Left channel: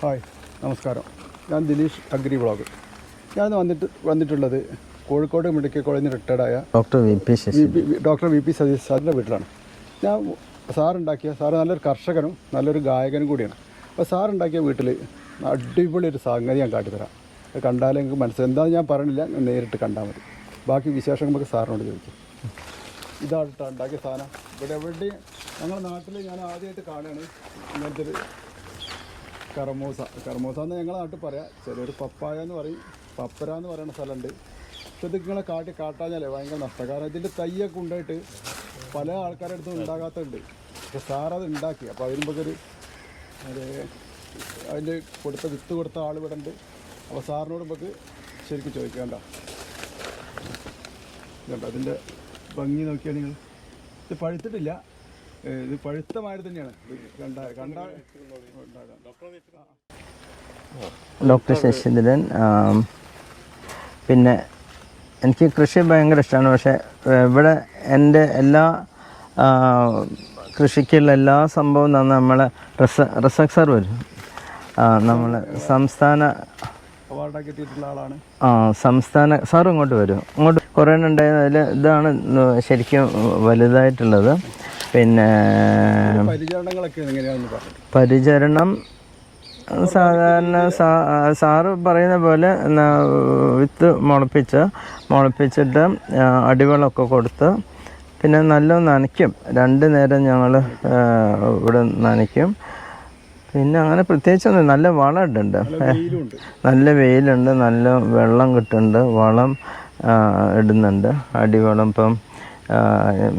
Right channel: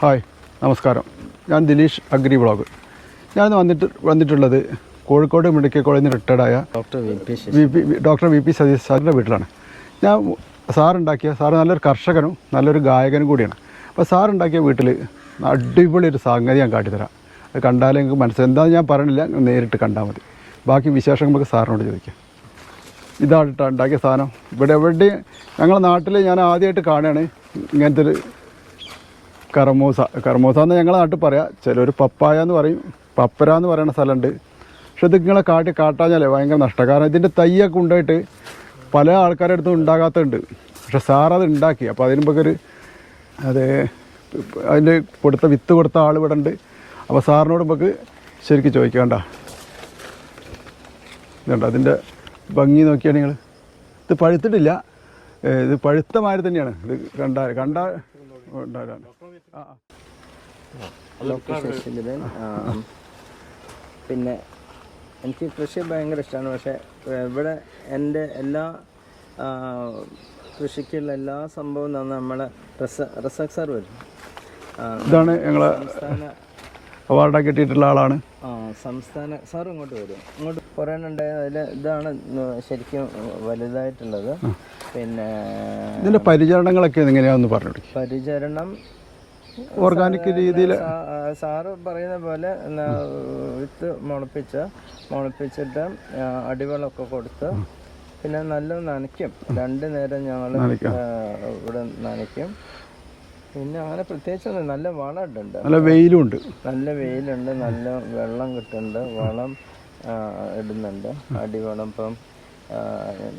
Hi നമസ്കാരം. ഞാൻ Dileesh agri blog ഞാൻ വന്നിട്ട് വന്നിട്ടുള്ളത് കോഴിക്കോട് മെഡിക്കൽ കോളേജിൽ നിന്ന് റിട്ടയർഡായ doctor V P V P doctor V P Satheesh സാറിന്റെ വീട്ടിലാണ്. ഞാൻ സാറുണ്ടാക്കിയ സാറ് നല്ലൊരു കർഷകനും നല്ലൊരു ഗായകനും കൂടിയാണ്. അപ്പോൾ സാറുണ്ടാക്കിയ വീട്ടിൽ അടിപൊളി ഒരു സംഗതി ഞാൻ കാട്ടിത്തരാം. അത് കണ്ടാലേ നിങ്ങൾക്ക് മനസ്സിലായി എന്താണെന്ന് ഞാൻ പറഞ്ഞില്ല നേരിട്ട് കണ്ടാൽ മതി. ബാക്കി വിശേഷങ്ങൾ നമുക്ക് സാറിനോട് ചോദിക്കാം. ഇതാണ് ഉണ്ടാക്കിയ സാധനം. ഇവിടെ എവിടെയും ഞങ്ങളുടെ നാട്ടിൽ ഞാൻ ആദ്യമായിട്ട് കാണുകയാണ് ഇങ്ങനത്തെ ഒരു കർമൂസ കർമോസ എന്ന് ഞങ്ങളെ നാട്ടിൽ പറയാം. ചിലർ പപ്പായ എന്ന് പറയും. പപ്പര എന്ന് പറയുന്ന സ്ഥലമുണ്ട്. പക്ഷെ ഇത് നിങ്ങളെ കാട്ടി കാട്ടാഞ്ഞാലേ ഭയങ്കര നഷ്ടം. കാരണം ഇതിന്റെ തയ്യൊക്കെ ഉണ്ടായിട്ട് പല ആൾക്കാരുടെ അടുത്തും ഉണ്ടാകാത്തതുണ്ട്. പക്ഷെ സാറത് ഉണ്ടാക്കി. അപ്പോൾ അതിന് ഒരു അത് അതിന്റെ കൊടുത്ത വിത്ത് കൊടുത്ത ആൾ ഇവിടെ ഉണ്ട്. അപ്പോൾ സാറിനോട് നമുക്ക് ശരിക്കും ചോദിക്കണ്ട ഇതുണ്ട്. അതിന്റെ ഭംഗി നോക്കിയാൽ നിങ്ങൾ. ഇത് പഴുത്തിട്ടില്ല. ഇത് പഴുത്ത മാതിരി തന്നെയാണ്. ഇത് കണ്ടാൽ കണ്ടാൽ ഉണ്ടാകാൻ. ഡോക്ടർ ശശിധരൻ ആം, പിന്നെ എനിക്ക് കൃഷി ഭയങ്കര ഇഷ്ടമാണ്. പക്ഷേ ഇവിടെ എന്റെ എല്ലാ കൃഷിക്കുള്ള എല്ലാ സംഭവം തന്നെ നമ്മളെ റിസ റിസർച്ച് സാർ വരും. സംസ്ഥാന അവാർഡൊക്കെ കിട്ടിയിട്ടുള്ള ആളാണ്. ആ സംസ്ഥാന സാർ ഇങ്ങോട്ട് വരും. ഇങ്ങോട്ട് കുറേ ഉണ്ടായിരുന്നു അതിൽ ഇതാണ് ശരിക്കും വലുതായിട്ടുള്ളത്. പിന്നെ പരിചരണങ്ങളൊക്കെ എങ്ങനെയാണെന്ന് പറഞ്ഞു പരിചരണം സാധാരണ സാറ് പറയുന്ന പോലെ വിത്ത് മുളപ്പിച്ച് മുളപ്പിച്ചിട്ട് അടിവെള്ളമൊക്കെ കൊടുത്ത് പിന്നെ നല്ല നനയ്ക്കും. രണ്ട് നേരം ഞങ്ങൾ ഇവിടെ നനയ്ക്കും. പിന്നെ അങ്ങനെ പ്രത്യേകിച്ചൊന്നും നല്ല വളം ഇടുന്നുണ്ട് നല്ല വെയിലും ഉണ്ട് നല്ല വെയിലുണ്ട്. നല്ല വെള്ളം കിട്ടുന്നുണ്ട്. വളം ഇടുന്നുണ്ട്. അടിവളം ഇപ്പം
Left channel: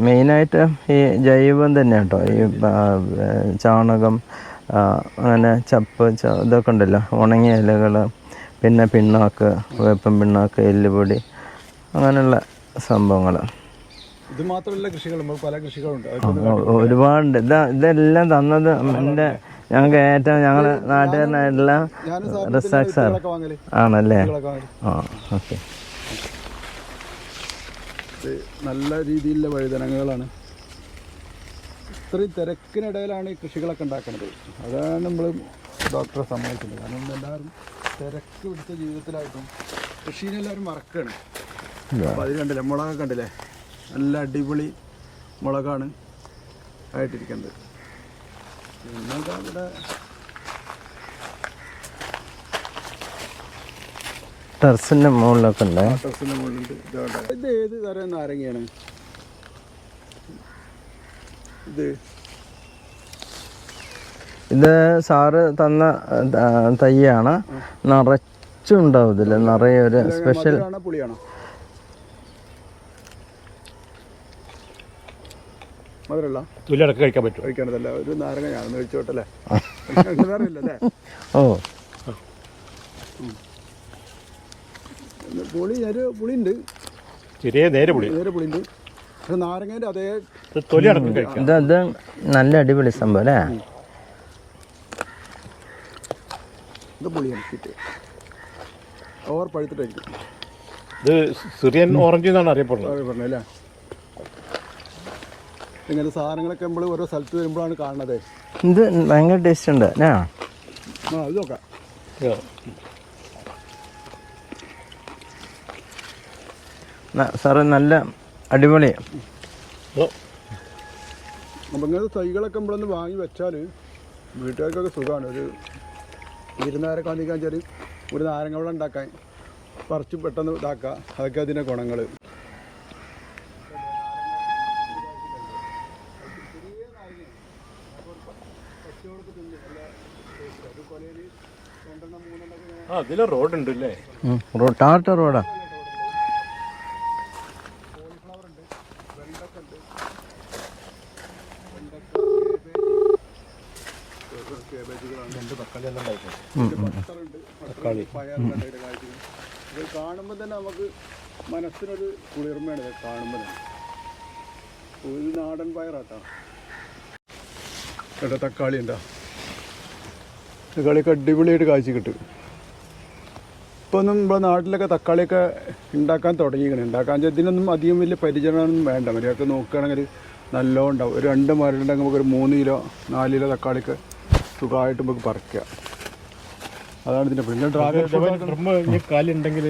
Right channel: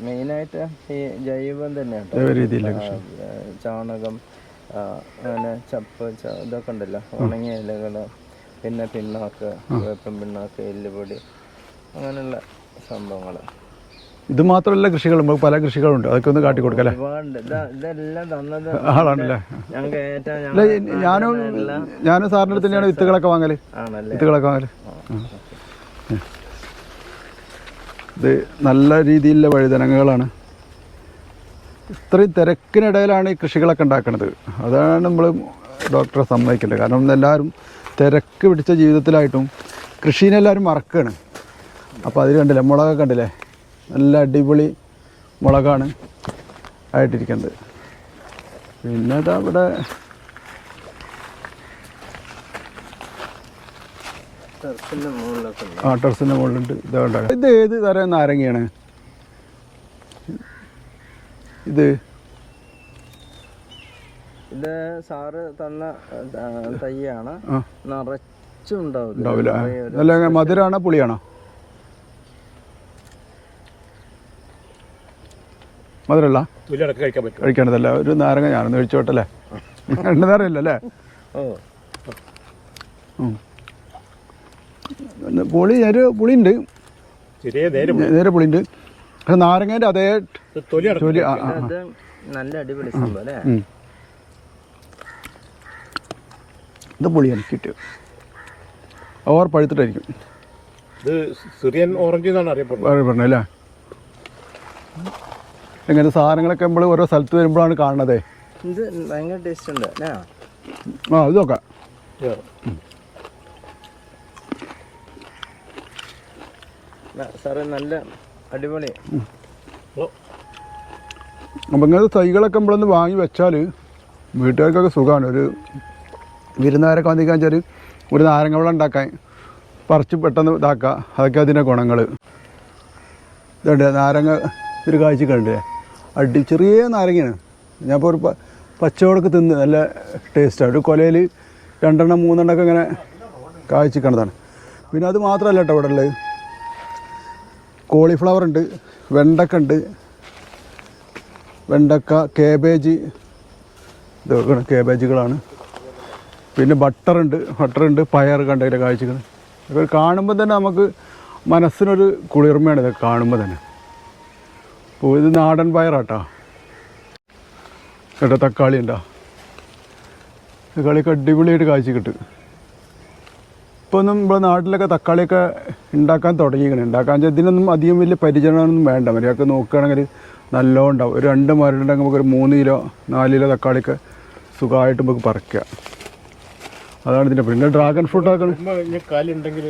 മെയിനായിട്ട് ഈ ജൈവം തന്നെ കേട്ടോ ചാണകം അങ്ങനെ ചപ്പ് ഇതൊക്കെ ഉണ്ടല്ലോ. ഉണങ്ങിയ ഇലകൾ പിന്നെ പിണ്ണാക്ക് വേപ്പൻ പിണ്ണാക്ക് എല്ലുപൊടി അങ്ങനെയുള്ള സംഭവങ്ങൾ ഇത് മാത്രമല്ല കൃഷികൾ പല കൃഷികളുണ്ട്. അതൊക്കെ ഒന്ന് കാട്ടിക്കൊടുക്കാം ഒരുപാട് ഇതാ ഇതെല്ലാം തന്നത് ഞങ്ങൾക്ക് ഏറ്റവും തന്നെയാണ് വിത്തുകളൊക്കെ വാങ്ങൽ. ആണല്ലേ? വിത്തുകളൊക്കെ വാങ്ങൽ. ഇത് നല്ല രീതിയിലുള്ള വഴുതനങ്ങകളാണ്. ഇത്രയും തിരക്കിനിടയിലാണ് ഈ കൃഷികളൊക്കെ ഉണ്ടാക്കുന്നത് അതാണ് നമ്മൾ ഡോക്ടറെ സമ്മതിക്കേണ്ടത് കാരണം എല്ലാവരും തിരക്ക് പിടിച്ച ജീവിതത്തിലായിട്ടും കൃഷീനെ എല്ലാവരും മറക്കുകയാണ് അപ്പോൾ അതിൽ കണ്ടില്ലേ മുളകൊക്കെ കണ്ടില്ലേ? നല്ല അടിപൊളി മുളകാണ് ആയിട്ടിരിക്കുന്നത്. പിന്നെ ഇതാ ഇവിടെ ടെറസിന്റെ മുകളിലൊക്കെ ഉണ്ട്. ആ ടെറസിന്റെ മുകളിലുണ്ട്. ഇതുണ്ട് ഇത് ഏത് തരം നാരങ്ങയാണ്? ഇത്. ഇത് സാറ് തന്ന തയ്യാണ്. നിറച്ചുണ്ടാവും നിറയെ ഒരു അല്ല മധുരമാണോ പുളിയാണോ? മധുരമല്ല തുല്യടക്കം കഴിക്കാൻ പറ്റും കഴിക്കേണ്ടതല്ല ഒരു നാരങ്ങ ഞാനൊന്ന് കഴിച്ചോട്ടല്ലേ അല്ലേ ഓ. പുളി ഒരു പുളിയുണ്ട്. ചെറിയ നേരെ പുളിയുണ്ട്. പക്ഷെ നാരങ്ങേന്റെ അതേ ഇത് നല്ല അടിപൊളി സംഭവം അല്ലേ? ഇത് പുളിയാണ് കിറ്റ് ഓവർ പഴുത്തിട്ടായിരിക്കും. ഇത് സിറിയൻ ഓറഞ്ച് എന്നാണ് അറിയപ്പെടുന്നത്. അല്ലേ? ഇങ്ങനത്തെ സാധനങ്ങളൊക്കെ നമ്മൾ ഓരോ സ്ഥലത്ത് വരുമ്പോഴാണ് കാണുന്നത്. ഇത് ഭയങ്കര ടേസ്റ്റ് ഉണ്ട് അല്ലേ? ആ ഇത് നോക്കാം. സാറ് നല്ല അടിപൊളി. അപ്പം ഇങ്ങനത്തെ തൈകളൊക്കെ നമ്മളൊന്ന് വാങ്ങി വെച്ചാൽ വീട്ടുകാർക്കൊക്കെ സുഖമാണ്. ഒരു വിരുന്നുകാരൊക്കെ വന്നിക്കാൻ വെച്ചാൽ ഒരു നാരങ്ങ വെള്ളം ഉണ്ടാക്കാൻ പറിച്ച് പെട്ടെന്ന് ഇതാക്കുക അതൊക്കെ അതിന്റെ ഗുണങ്ങൾ ഇതുണ്ട് നാരങ്ങ ഒരു കാഴ്ച കണ്ടേ അടി ചെറിയ നാരങ്ങയാണ്. ഞാൻ ഇപ്പോൾ ഒരു പച്ചവടക്ക് തിന്ന് നല്ല ടേസ്റ്റാണ് ഒരു കൊലയിൽ രണ്ടെണ്ണം മൂന്നെണ്ണം ഒക്കെ ഇങ്ങനെ കാഴ്ച കണ്ടതാണ് മാത്രമല്ല കേട്ടോ ഇവിടെ ഉള്ളത് കോളിഫ്ലവർ ഉണ്ട് വെണ്ടക്ക ഉണ്ട് വെണ്ടക്ക കേബേജ്. ഇതൊക്കെയാണ് കേബേജുകളാണ്. പിന്നെ ബട്ടറുണ്ട്. ബട്ടറുണ്ട് പയർ കണ്ടതിന്റെ കാഴ്ചകൾ? ഇതൊക്കെ കാണുമ്പോൾ തന്നെ നമുക്ക് മനസ്സിനൊരു കുളിർമയാണ് ഇതൊക്കെ കാണുമ്പോൾ തന്നെ. അപ്പോൾ ഇത് നാടൻ പയറാട്ടോ. ചേട്ടാ തക്കാളി ഉണ്ടോ? കളിക്ക് അടിപൊളിയായിട്ട് കാഴ്ച കിട്ടും. ഇപ്പോൾ ഒന്നും നമ്മുടെ നാട്ടിലൊക്കെ തക്കാളിയൊക്കെ ഉണ്ടാക്കാൻ തുടങ്ങിയിരിക്കണം ഉണ്ടാക്കാൻ ഇതിനൊന്നും അധികം വലിയ പരിചരണമൊന്നും വേണ്ട. മര്യാദയ്ക്ക് നോക്കുകയാണെങ്കിൽ നല്ലോണം ഉണ്ടാവും ഒരു രണ്ട് മരമുണ്ടെങ്കിൽ നമുക്കൊരു മൂന്ന് കിലോ നാല് കിലോ തക്കാളിയൊക്കെ സുഖമായിട്ട് നമുക്ക് പറിക്കാം. അതാണ് ഇതിന്റെ പിന്നെ ഡ്രാഗൺ ഫ്രൂട്ട് ആക്കണം. കാലുണ്ടെങ്കിൽ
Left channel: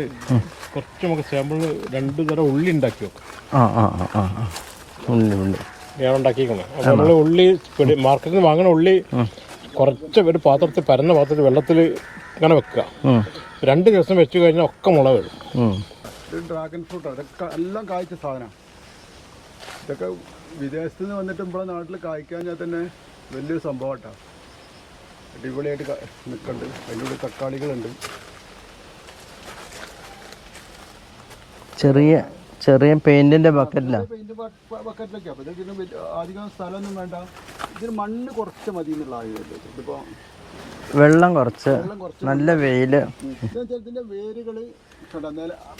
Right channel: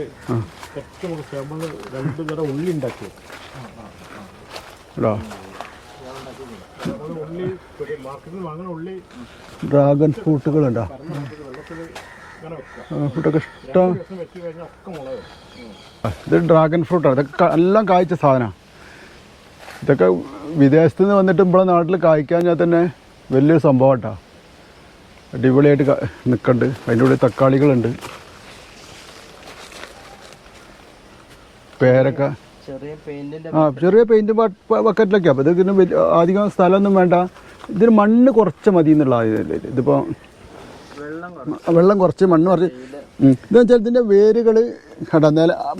കുറച്ച് നമുക്ക് സാമ്പിൾ രണ്ട് തരം ഉള്ളി ഉണ്ടാക്കി ആ ആ ആ. ഞാൻ നമ്മൾ ഉള്ളി മാർക്കറ്റിൽ വാങ്ങണ ഉള്ളി കുറച്ച് ഒരു പാത്രത്തിൽ പരന്ന പാത്രത്തിൽ വെള്ളത്തിൽ വെക്കുക. രണ്ട് ദിവസം വെച്ച് കഴിഞ്ഞാൽ ഒക്കെ മുള വരും. ഇത് ഡ്രാഗൺ ഫ്രൂട്ടാണ് ഇതൊക്കെ എല്ലാം കായ്ച്ച സാധനമാണ് ഇതൊക്കെ വിദേശത്ത് നിന്ന് വന്നിട്ട് ഇവിടെ നാട്ടിൽ കായ്ക്കാൻ ഞാൻ തന്നെ വലിയൊരു സംഭവം കേട്ടോ അടിപൊളിയായിട്ട് നിൽക്കണ്ട് നിൽക്കുന്നുണ്ട് അതിന്റെ കൂടെ തക്കാളികളുണ്ട്. ചെറിയ പേരക്ക. ചെറിയ പെയിന്റിന്റെ ചെറിയ പെയിന്റ് ബക്കറ്റിലൊക്കെ അപ്പോൾ ഇതിന് അധികം സ്ഥലമൊന്നും വേണ്ട. ഇതിന് മണ്ണ് കുറച്ച് മതി എന്നുള്ള ഇതിപ്പോ വെള്ളം കുറച്ച്. വെള്ളം കുറച്ച് മണ്ണ് വെയിൽ. ഇതെന്ന് വെച്ചാൽ ഇതിന്റെ വേരുകൾ കേട്ടോ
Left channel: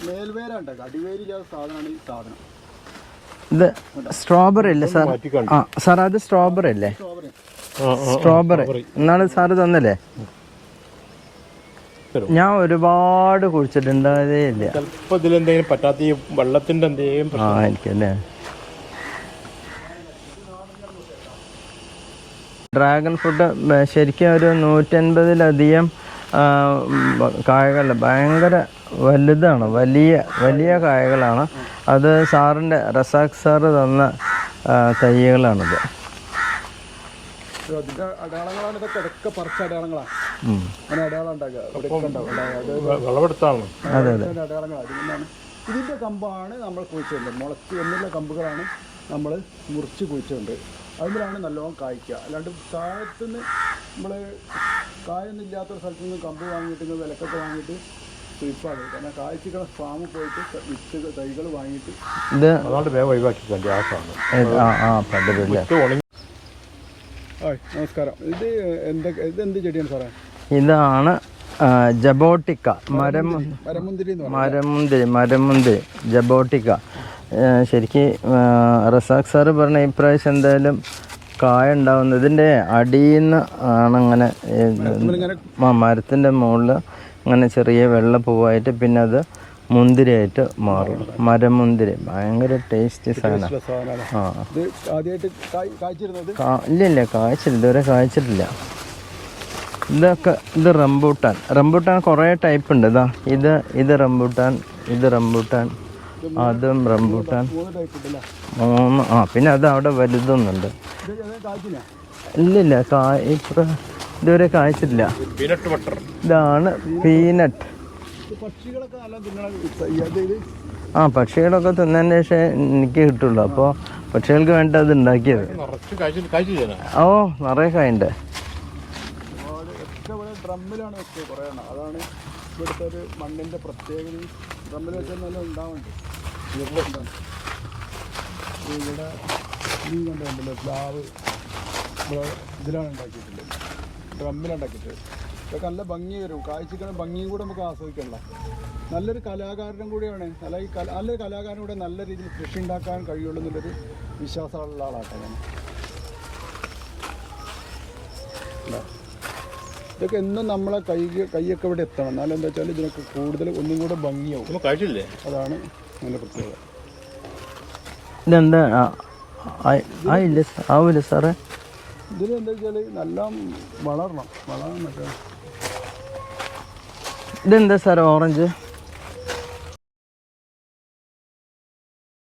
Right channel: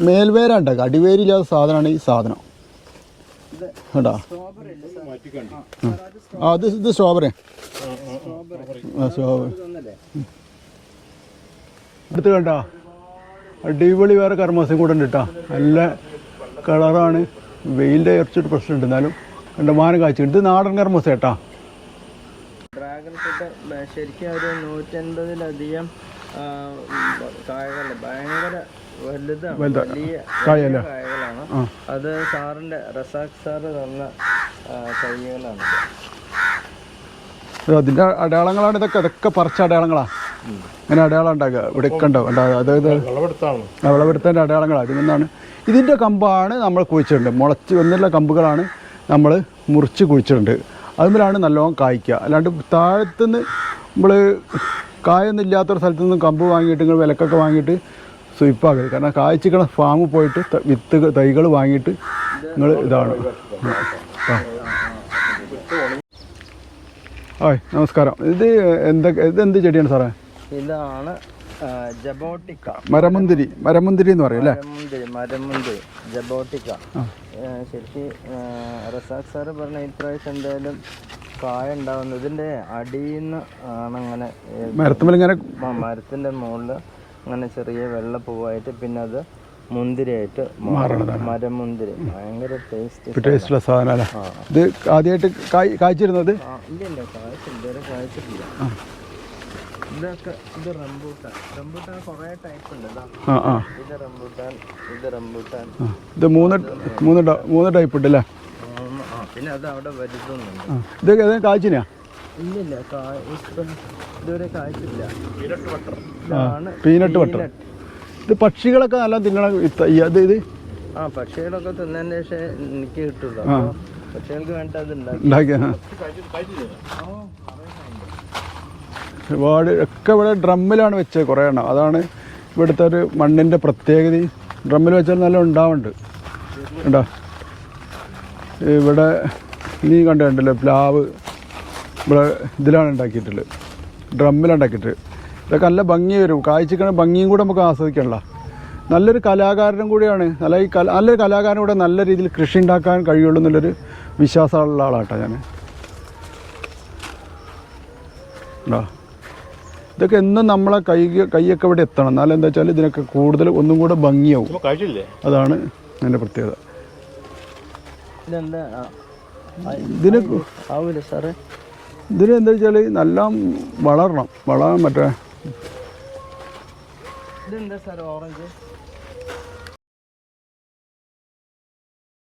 മേൽവേരാണ്ടാക്കുക അടിവേരില്ലാത്ത സാധനമാണ് ഈ സാധനം. ഇത് സ്ട്രോബെറി അല്ലേ സാർ? ആ സാർ അത് സ്ട്രോബെറി അല്ലേ? സ്ട്രോബെറി. സ്ട്രോബെറി. എന്നാണ് സാർ തന്നല്ലേ ഞാൻ ഒരുപാട് പ്രശ്നമുണ്ട്. എന്നാലും എന്റെ മാനം കാഴ്ച നാടൻ ഡ്രാഗൺ ഫ്രൂട്ട് ശരിക്കും ഒരു നൂറ്റൻപതിലധികം കായകൾ ഭയങ്കര വലുതാണ്. വലിയ വലിയ കായകളാണ്. അത് സാറിന്റെ റസാഖ് സാറ് തന്ന തൈകളാണിത്. അതിന്റെ അടയാളങ്ങളാണ് ഇതൊക്കെ? ഇതൊക്കെ പറിച്ച അടയാളങ്ങളാണ് ഇങ്ങനെ അടയാളം ഉണ്ടാക്കുക. ഇവിടെയൊക്കെ ഉണ്ടാവും അതായത് വിളവെടുത്താണ്. വിളവെടുത്തതിന്റെ അടയാളങ്ങളാണ് ഇതിന്റെ ഇതിന്റെ കമ്പാണ് നമ്മൾ കുഴിച്ചിട്ടുണ്ട് മുളച്ച് വന്നുള്ള കമ്പുകളാണ് നമ്മൾ മുറിച്ച് കുഴിച്ചിട്ടുണ്ട് അതുമ്പോഴാണ് നല്ലോണം കായ്ക്കുക. അല്ലാണ്ട് താഴത്തുനിന്ന് നമ്മൾ കായൊന്നും ഇല്ലാത്തൊരു സ്ഥലത്തു നിന്ന് കമ്പ് വാങ്ങിയിട്ട് നിങ്ങൾ വിലക്കൊക്കെ വാങ്ങിയിട്ട് സ്വീപ്പാക്കരുത് കാരണം കായ്ച്ചിക്കണ ഫാമിൽ പോയിട്ട് വിത്ത് തൈകൾ വാങ്ങിയിട്ട് ഇത് ആ നമസ്കാരം ഇത് എന്തൊക്കെ ഇത് എന്ത് ചെടിയാണ് സാറേ? ഇതാണ് ജബോട്ടിക്ക. മരമുന്തിരി. മരമുന്തിരി എന്ന് പറയും മരമുന്തിരി മരമുന്തിരി ജബോട്ടിക്ക. ശരിക്ക് റസാഖ് സാറ് പറഞ്ഞ ഇപ്രാവശ്യം എന്തായാലും കായ ഉണ്ടാവുന്നത് ഇതിന്റെ അടിയിൽ നിന്ന് ആണ് അങ്ങനെ മരത്തിന്റെ മരത്തിന്റെ മുകളിൽ അങ്ങനെ ചെറിയ വെള്ള പൂവായിട്ട് പിന്നെ അത് മുന്തിരിയായിട്ട് മാറും. മരമുന്തിരി ഭയങ്കര ടേസ്റ്റ് ഇത് ആദ്യമായിട്ട് കായ് കായ്ച്ചിരുന്നത് ഇല്ല ഇല്ല കായ്ച്ചില്ല. ഇതുവരെ കായ്ച്ചിട്ടില്ല. ഇതൊക്കെ ഇത് റംബൂട്ടാൻ. റംബൂട്ടാൻ കുറേ ടൈപ്പ് ഉണ്ട്. ഇതാ ഇത് ഇത് റംബൂട്ടാൻ ഇത് റംബൂട്ടാൻ. ഇത് മൂന്ന് മൂന്ന് മൂന്ന് ടൈപ്പ് ഉണ്ട് അല്ലേ? മൂന്ന് ആ പിന്നെ അത് അവിടെ വലുതൊന്നുണ്ട്. ഇത് ഏതാ? കായ്ച്ചിനാ ഇല്ല ഇല്ല കായ ഇത്ര ഇതുവരെ കാഴ്ചില്ല പീനട്ട് ബട്ടർ ഇതാണ് പീനട്ട് ഇത് പക്ഷികളൊക്കെ നല്ല തിന്നണ ഇത്? ആ പക്ഷികളൊക്കെ തിന്നതിന് ശേഷം എനിക്ക് കിട്ടുള്ളൂ. അപ്പോൾ പക്ഷികൾക്ക് വേണ്ട അത് ഉണ്ടാക്കി ഓ നിറയെ കായുണ്ട്. ഒരുപാട് ഒക്കെ ഇവിടെ ഡ്രമ്മിലാണ് വെച്ചത് കുറേ എണ്ണം. അതാണ് ഇവിടുത്തെ ഒരു മണ്ണിന്റെ പ്രത്യേകത ഡ്രമ്മിൽ വെച്ചാൽ നല്ല ഉണ്ടാവുന്നുണ്ട്. ഉണ്ടോ ഇവിടെ നീ കണ്ടല്ലോ പ്ലാവ് ഇവിടെ ഇതിലാണ് ഉണ്ടാക്കിയിട്ടുള്ളത്. ഡ്രമ്മിലാണ് ഉണ്ടാക്കിയിട്ട് ഇതൊക്കെ നല്ല ഭംഗി വരും. കാഴ്ചക്കണ ഭംഗിയും കൂടെ നമുക്ക് ആസ്വദിക്കണല്ലോ നല്ലൊരു കലാകാരനും കൂടിയാണ്. നല്ല ഈ കല നല്ലൊരു കലാകാരൻ കൂടെ നല്ല രീതിയിൽ കൃഷി ഉണ്ടാക്കാൻ കഴിയുള്ളൂ എന്നുള്ളൊരു വിശ്വാസമുള്ള ആളാട്ടോ ഞാൻ ഉണ്ടോ ഇതൊക്കെ എന്നും നമ്മളെ കൈ കൈയൊക്കെ ഇവിടെ എത്തണം. എന്നാലെന്താ വെച്ചാൽ ഇതിനൊക്കെ കൂടുതൽ ഒന്നും കൂടെ ഭംഗിയാവും. അതാണ് അതിന്റെ പ്രത്യേകത. ഇതെന്താ? സാറേ? ഇതിന് എന്താ വെച്ചാൽ നല്ല വളരണം. വളരാൻ മറ്റേ ഇതെന്താ സാറേ ഓറഞ്ച്?